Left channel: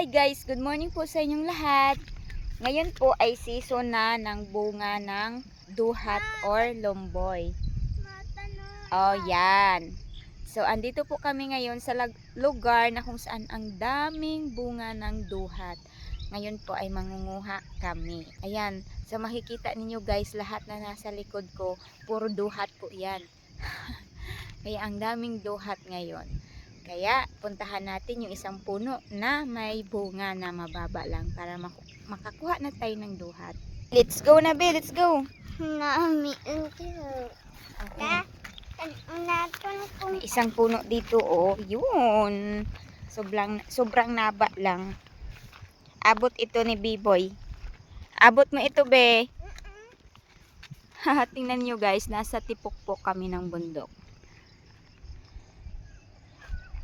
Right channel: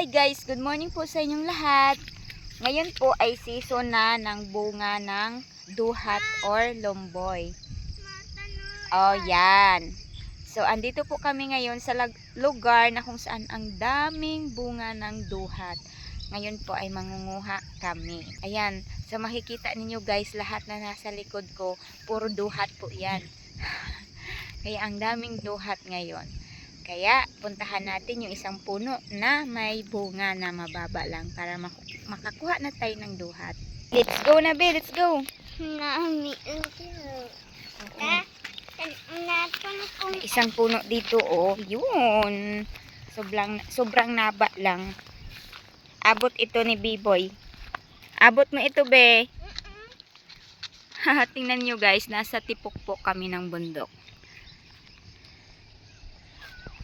Hi guys, good morning po sa inyong lahat. Ngayon po ay season na ng bunga ng duhat or lomboy. Oh, yan. So, andito po kami ngayon sa lugar na kung saan ang daming bunga ng duhat. Ngayon po ay mangunguha kami. Ayan, so makikita ninyo guys, lahat na nasa likod ko, puro duhat po yan. Kaya ang daming duhat ngayon. Kaya puntahan natin yung isang puno na may bunga na mababa lang para makakuha na tayo ng duhat. Let's go na be, let's go. May isang puno dito oh, yun. Sobrang naba lang. Abot ito ni B-boy. Abot mo ito be. Tingnan nyo guys, nasa tipok-pok kami ng bundok.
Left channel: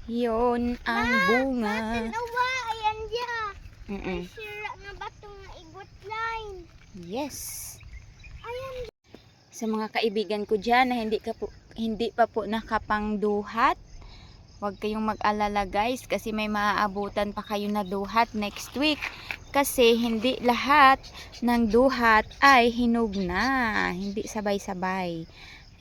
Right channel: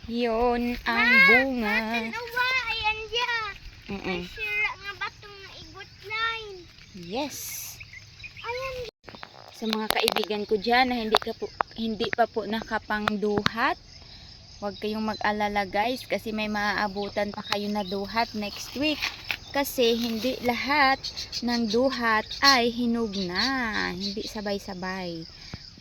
Yun ang bunga. Ayan dia. Mm. Sira nga batong igot line. Yes. Ayan. Sa mga kaibigan ko dyan na hindi pa po nakapangduhat, huwag kayong mag-alala guys kasi may maaabutan pa kayo na duhat next week. Kasi hindi lahat ng duhat ay hinog na. Hindi sabay-sabay.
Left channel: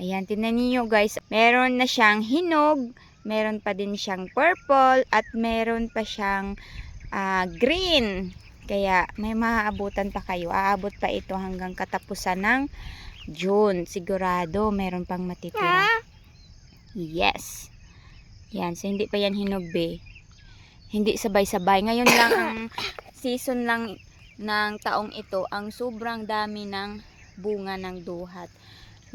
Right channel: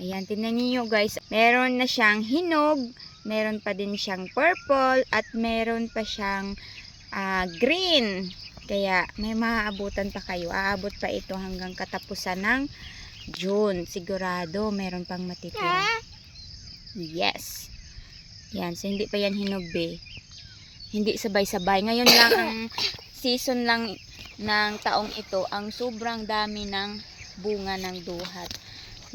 Ayan, tingnan niyo guys. Meron na siyang hinog, meron pa din siyang purple, at meron pa siyang green. Kaya may maaabutan pa kayo. Aabot pa ito hanggang katapusan ng June. Sigurado meron pang matitira. Yes. Yan, so hindi pa yan hinog be. Hindi sabay-sabay. Ngayon lang ang season lang ng taong ito, ang sobrang dami ng bunga ng duhat.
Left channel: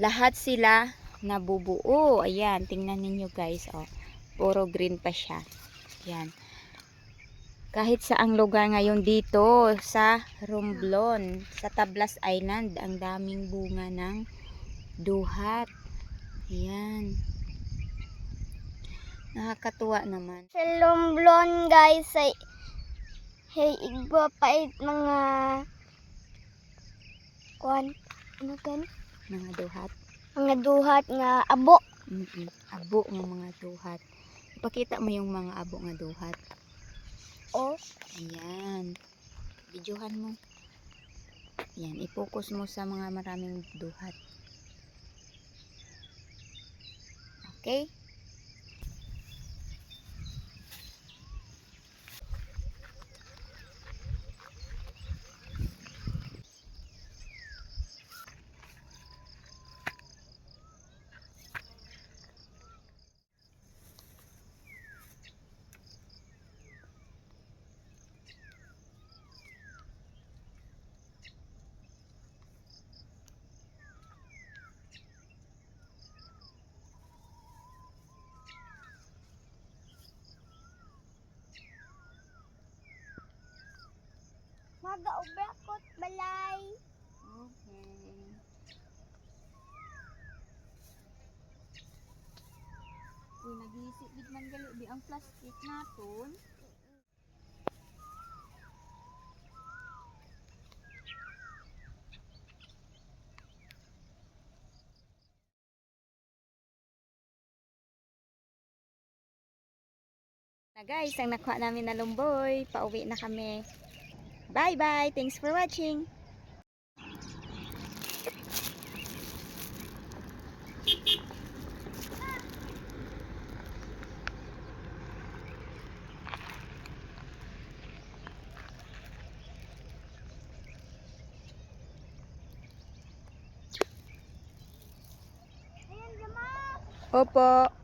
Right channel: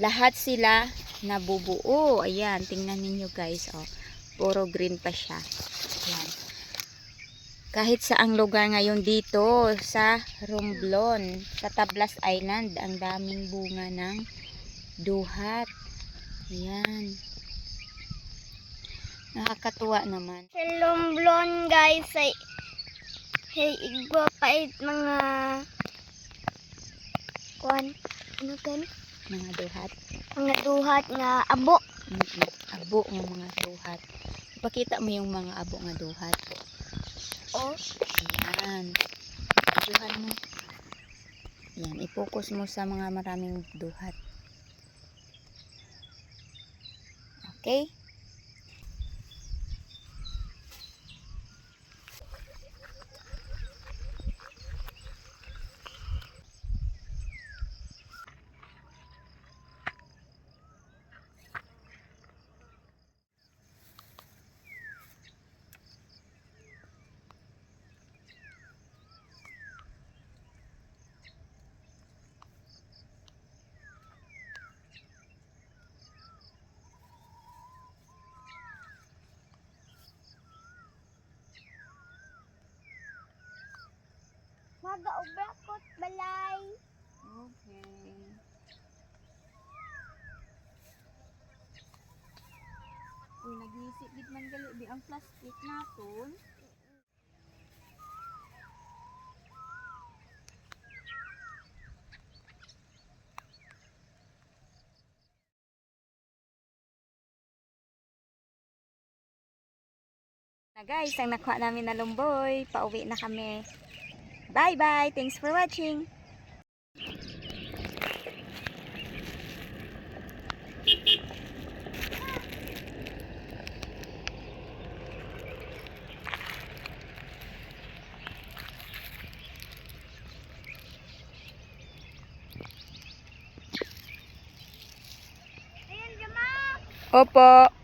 Lahat sila nabubuo. Ayan, tingnan ninyo guys. Oh, puro green pa siya. Ayan. Kahit sa ang lugar ngayon dito sa Romblon, sa Tablas Island, ang daming bunga ng duhat. Ayan. Nakakatuwa naman. Sa Romblon guys ay igba pa mga kuan ano kan? Mga duhat. Mga duhat nga abo. Abo ng mga duhat. Ipakita mo yung mga abo nga duhat. Oh. Ayan. Videohan mo. Ayan. I-focus mo sa mga maraming duhat. Okay? Mag-ubrakot balay. Okay. Uy, nag-iisip bit man gali di ang plastic naton. Na guys, ang nakuha namin na lumboy, pauwi na kami. Bye bye, thanks for watching. Ayan, Jama. Opo.